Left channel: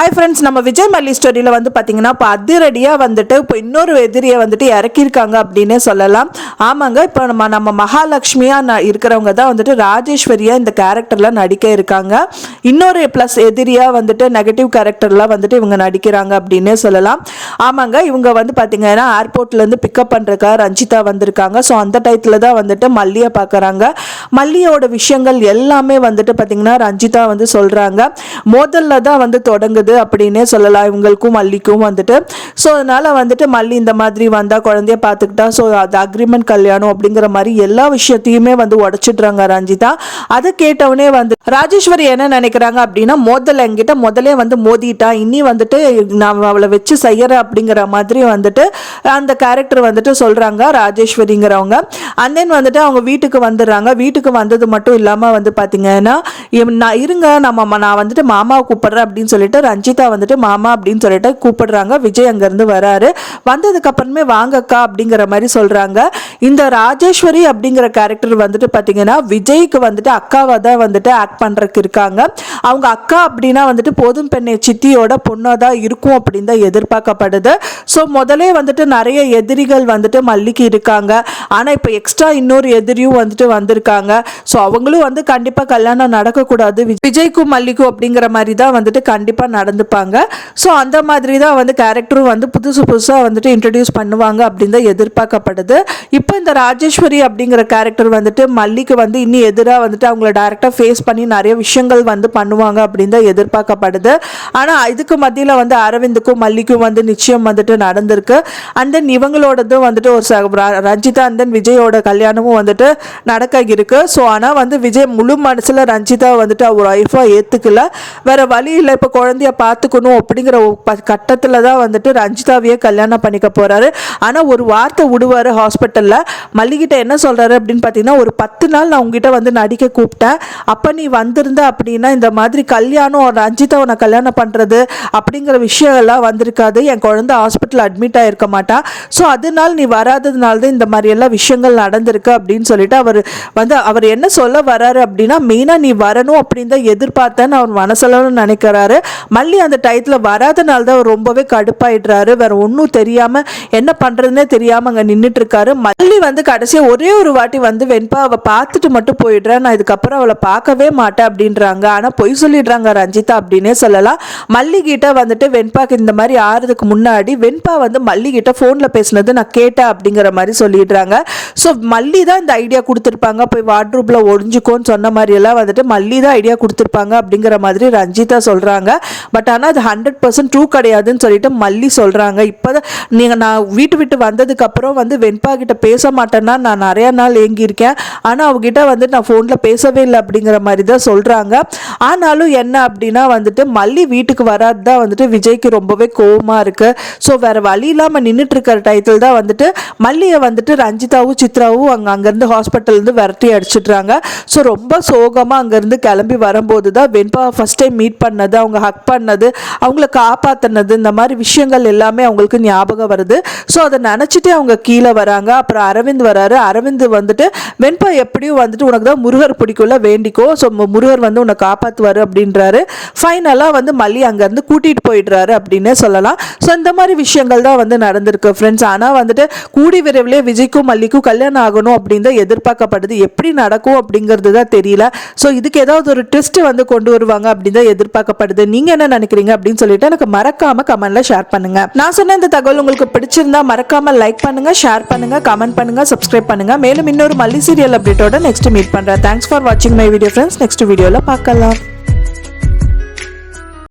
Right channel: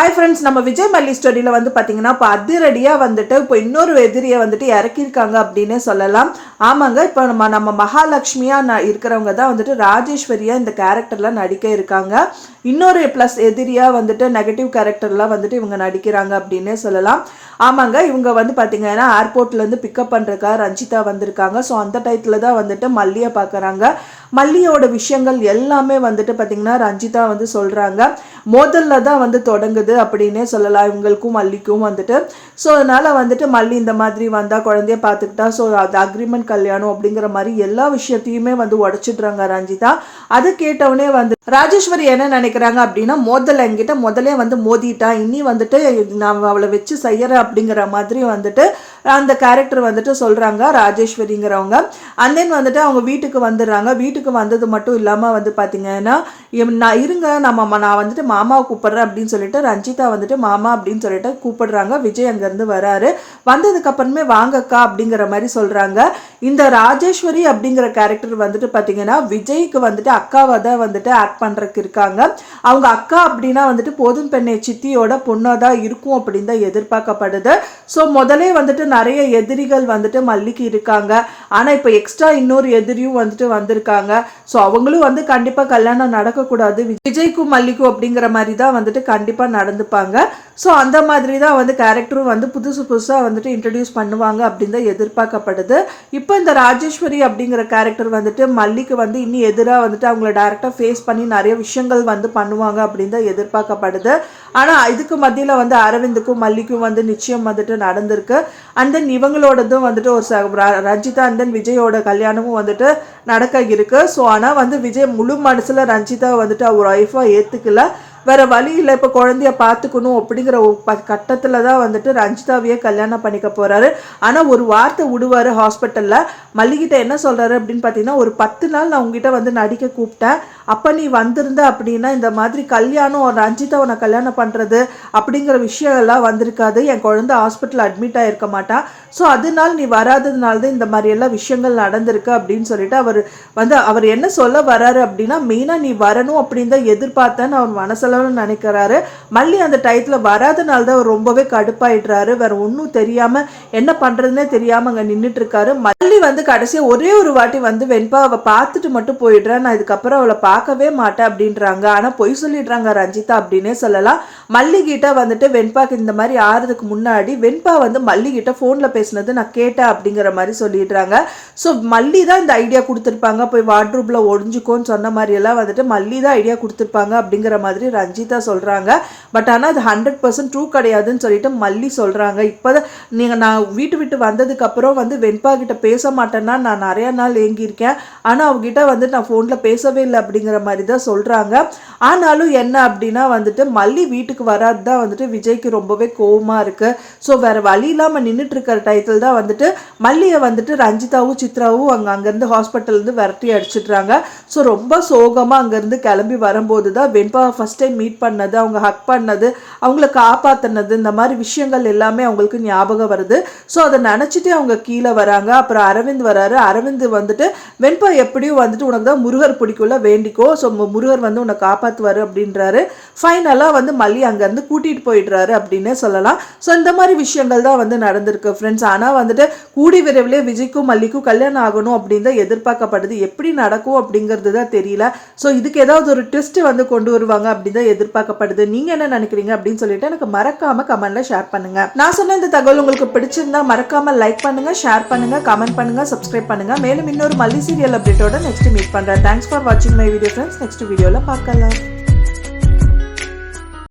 Hi friends, நம்ம விஜய் மல்லி ஸ்டோரியில் வந்து பார்த்தீங்கன்னா இப்போ அதிரடியாக வந்துட்டு இப்போ இன்னொரு எதிரியை வந்துட்டு இறக்கியிருக்காங்க அப்படின்னே சொல்லலாம். ஆமாங்க, இப்போ நம்ம மகாலட்சுமியாக இருக்கிறவங்க தான் வந்துட்டு ராஜேஸ்வரியாக இந்த கேரக்டரில் நடிக்க இருக்காங்க. இன்னொரு ப்ளஸ் எதிரியாக வந்துட்டு நெகட்டிவ் கேரக்டர்லாம் வந்துட்டு இவங்க நடிக்கிறாங்க அப்படின்னே சொல்லலாம். ஆமாங்க, இவங்க வந்து பார்த்தீங்கன்னா ஏர்போர்ட்லேருந்து பிக்கப் பண்ணுறக்கா ரஞ்சிதா வந்திருக்காங்க. ஸோ அந்த டயத்தில் தான் வந்துட்டு மல்லியை பார்க்குறாங்க. மல்லியோட விஷயங்கள் எல்லாமே வந்துட்டு பார்த்தீங்கன்னா ரஞ்சிதா வந்து சொல்கிறாங்க. முதல்ல தான் வந்து தொடங்குது அப்படின்னே சொல்லலாம் இவங்களுக்கும் மல்லிக்கும் வந்துட்டு. ஸோ அதனால வந்துட்டு மல்லி இந்த மாதிரி வந்தா குழந்தைய பார்த்துக்கிட்டா ஸோ அது அக்ரிமெண்ட் கல்யாணம் அப்படிங்கிற மாதிரி எல்லா விஷயத்தையுமே வந்து உடைச்சிடுறாங்க ரஞ்சிதா. அது கேட்டவுடனே வந்து ராஜேஸ்வரி என்ன நினைக்கிறாங்க அப்படின்னா என்கிட்ட முதலே வந்து மோதிட்டா, இனி வந்துட்டு நான் அவளை வச்சு செய்யறேன் அப்படிங்கிற மாதிரி வந்துட்டு அந்த கேரக்டர் வந்துட்டு சொல்றாங்க ராஜேஸ்வரிங்கிறவங்க. அண்ட் தென் வந்துட்டு அவங்க வீட்டுக்கு வந்துடுறாங்க. வீட்டுக்கு வந்தது மட்டும் இல்லாம வந்து பாத்தீங்கன்னா நான் இருங்க நான் வந்துட்டு மாமாவை கூப்பிடுறேன் அப்படின்னு சொல்லிட்டு ரஞ்சிதா வந்துட்டு மாமா அப்படின்னு சொல்லிட்டு கூப்பிடுறாங்க. விஜய் அங்கிருந்து வராரு. வந்ததுக்கு அப்புறமே வாங்கக்கா அப்படிங்கிற மாதிரி சொல்றாங்க. இந்த ராஜேஸ்வரி அப்படிங்கிற கேரக்டர் வந்துட்டு பாத்தீங்கன்னா விஜய்க்கு வந்துட்டு அக்காவா தான் வந்துட்டு ஆக்ட் பண்றதுக்கு இருக்காங்க. அவங்க அக்கா அப்படின்னா வந்துட்டு போதும் பெண்ணை சித்தியோட பொண்ணா தான் இருக்கும் அப்படின்னு தான் எதிர்பார்க்கப்படுது. ஸோ முதலே வந்துட்டு நிறைய எதிரிகள் வந்துட்டு மல்லிக்கு இருக்காங்க. ஆனா இப்போ எக்ஸ்ட்ரா இன்னொரு எதிரியும் வந்துட்டு வந்திருக்காங்க. ஸோ அவங்களும் வந்து கண்டிப்பா கல்யாணம் நடக்கக்கூடாது விஜய்க்கும் மல்லிக்கும் அப்படிங்கிற மாதிரி தான் வந்துட்டு கண்டிப்பா நடந்துப்பாங்க. ஸோ அந்த மாதிரி தான் வந்து கேரக்டரும் வந்து புதுசாக வந்துட்டு இன்ட்ரடியூஸ் பண்ணுவாங்க அப்படின்னு தான் எதிர்பார்க்கப்படுது. இப்போ இந்த ராஜேஸ்வரி அப்படிங்கிற கேரக்டர் வந்துட்டு மல்லிக்கு வந்து இன்னும் எதிராக வந்துட்டு அவங்கள டைரக்டாக ஃபேஸ் பண்ணி நிறைய விஷயங்கள் வந்து பண்ணுவாங்க அப்படின்னு தான் எதிர்பார்க்கப்படுது. ஆனால் இதுக்கு மத்தியில் வந்து அரவிந்துக்கும் மல்லிக்கும் வந்து நிச்சயம் வந்துட்டு நடந்திருக்கு. அண்ட் தென் இவங்களோடதும் வந்துட்டு ஒரு ரஞ்சிதா அண்ட் தென் விஜயோட கல்யாணமும் வந்துட்டு நடக்க இருக்கு. ஸோ ஆனால் வந்து விஜய் முழு மனசில் ரஞ்சிதா வந்துட்டு அவர் ஒய்ஃபாக ஏற்றுக்கல. வேற வழி இல்லை, இப்போ குழந்தைய பார்த்துக்கணும் அப்படிங்கிற கட்டத்தில் தான் வந்துட்டு ரஞ்சிதாவையே கல்யாணம் பண்ணிக்க போறாரு. ஆனால் ஒரு வார்த்தை விடுவார் ஹாஸ்பிட்டலில். மல்லிகிட்ட என்ன சொல்றாரு அப்படின்னு பார்த்தீங்கன்னா, ஒரு 10 நாள் நான் உங்ககிட்ட வந்து நடிக்க கூப்பிட்டேன், அப்போ நீ வந்திருந்த அப்படின்னா இந்த மாதிரி கல்யாணம் ரஞ்சிதாவை நான் கல்யாணம் பண்ணுறது அப்படிங்கிற விஷயம் எல்லாம் வந்திருக்காது. என் குழந்தை ஹாஸ்பிட்டல் அட்மிட் ஆகிருக்க மாட்டா. ஸோ அதனால நீ வராததுனால தான் இந்த மாதிரி எல்லாம் விஷயங்கள் நடந்திருக்கு அப்படின்னு சொல்லிட்டு அவர் என்ன சொல்ல வராரு அப்படின்னா, மெயினாக நீ வரணும் அப்படின்னு தான் எதிர்பார்த்தேன்னு அவர் மனசளவு நினைக்கிறாரு. மல்லி அந்த டயத்தில் வராதனால தான் அவர் ரொம்பவே கடுப்பாயிடுறாரு. வேற ஒன்றும் தெரியாம என்ன பண்றதுன்னே தெரியாம அங்க நின்றுட்டு இருக்காரு. மல்லி வந்து கடைசியா ஒரே ஒரு வாட்டி வந்து வெண்பா அவ பார்த்துட்டு மட்டும் போயிடுறேன், நான் இதுக்கப்புறம் அவளை பார்க்கவே மாட்டேன் அப்படின்றாங்க. ஆனா பொய் சொல்லிடுறாங்க ரஞ்சிதா அப்படின்னே சொல்லலாம். மல்லி கிட்ட வந்துட்டு வெண்பாக்கு இந்த மாதிரி ஆறதுக்கு முன்னாடி வெண்பா வந்து மல்லி கிட்ட போன்ல பேசினது நான் கேட்டேன் அப்படிங்கிற மாதிரி சொல்லிடுறாங்க. ஸோ மல்லி தான் இந்த ஐடியா கொடுத்துருப்பாங்க, போய் வார்ட்ரூப்ல ஒழிஞ்சுக்கோன்னு சொன்ன மாதிரி எல்லாம் வந்துட்டு மல்லி தான் ஐடியா கொடுத்துருப்பாங்க அப்படிங்கிற மாதிரி ரஞ்சிதா சொல்றாங்க. பட் ஆனால் அது 100% ட்ரூ கிடையாதுன்னு சொல்லிட்டு மல்லி சொல்றாங்க. இப்போதான் நான் வீட்டு விட்டு வந்ததுக்கு அப்புறம் வந்து வெண்பா கிட்ட பேச மாட்டேன்னா நான் நிறைய நாள் ஏங்கியிருக்கேன், ஆனால் அவகிட்ட வந்து நான் ஃபோன்ல பேசவே இல்லை அப்படிங்கிற மாதிரி தான் சொல்றாங்க. ஆனாலும் என்ன அப்படின்னா வந்துட்டு மல்லி வீட்டுக்கு வராது தான் வந்துட்டு விஜய்க்கு ரொம்பவே கோவமா இருக்கு. ஸோ வேற வழி இல்லாமல் நின்றுட்டு இருக்கிற டைத்தில் தான் வந்துட்டு மல்லியை வந்துட்டு ரஞ்சிதாவும் சித்ராவும் அங்கேருந்து ஹாஸ்பிட்டல்லேருந்து விரட்டி அடிச்சிடுறாங்க. ஸோ ரொம்ப சோகமாக அங்கேருந்து கிளம்பி வரும்போது தான் வெண்பா ஃபர்ஸ்ட் டைம் மீட் பண்ணது, அவங்க ஹக் பண்ணது, அவங்கள காப்பாத்தினது, இந்த மாதிரி விஷயங்கள் எல்லாமே அவங்களுக்கு ஞாபகம் வருது. ஸோ அதை நினைச்சிட்டு அவங்க கீழே வராங்க. அப்புறம் அரவிந்த் வராரு. அரவிந்த் வந்துட்டு வெண்பா எப்படியும் வந்துட்டு உனக்கு தான் முருகர் பிடிக்கும்ல, வேண்டிக்கோ, ஸோ முருகர் வந்து உன்னை காப்பாற்றுவாரு அப்படின்றாரு. ஃபைனலாக வந்து மல்லி அங்கேருந்து கூட்டிகிட்டு போயிடுறாரு அப்படின்னே சொல்லலாம். ஸோ இந்த மாதிரி விஷயங்கள் தான் வந்து நடந்திருக்கு ஃப்ரெண்ட்ஸ். ஆனால் வந்துட்டு கூடி விரைவிலே விஜய்க்கும் மல்லிக்கும் கல்யாணம் ஆகணும் அப்படின்னு தான் எதிர்பார்க்கப்படுது. எப்படி நடக்கும் அப்படிங்கிறது தான் தெரியல. ஸோ இதுக்கு ஏதாவது ஒரு ட்விஸ்ட் வந்து கொண்டு வருவாங்க அப்படின்னு தான் எதிர்பார்க்கப்படுது. நீங்க என்ன நினைக்கிறீங்க அப்படின்னு சொல்லிட்டு எனக்கு மறக்காம கமெண்ட்ல ஷேர் பண்ணுங்க. நான் சொன்ன இந்த தகவல் உங்களுக்கு பிடிச்சிருந்தா மறக்காம லைக் பண்ணுங்க, ஷேர் பண்ணுங்க, கமெண்ட் பண்ணுங்க, சப்ஸ்கிரைப் பண்ணுங்க. மேலும் இன்னொரு மல்லி சீரியல் அப்டேட்டோட நெக்ஸ்ட் மீட் பண்றேன். தேங்க்ஸ் ஃபார் வாட்சிங் மை வீடியோ ஃப்ரெண்ட்ஸ். நெக்ஸ்ட் வீடியோல பார்க்கலாம்.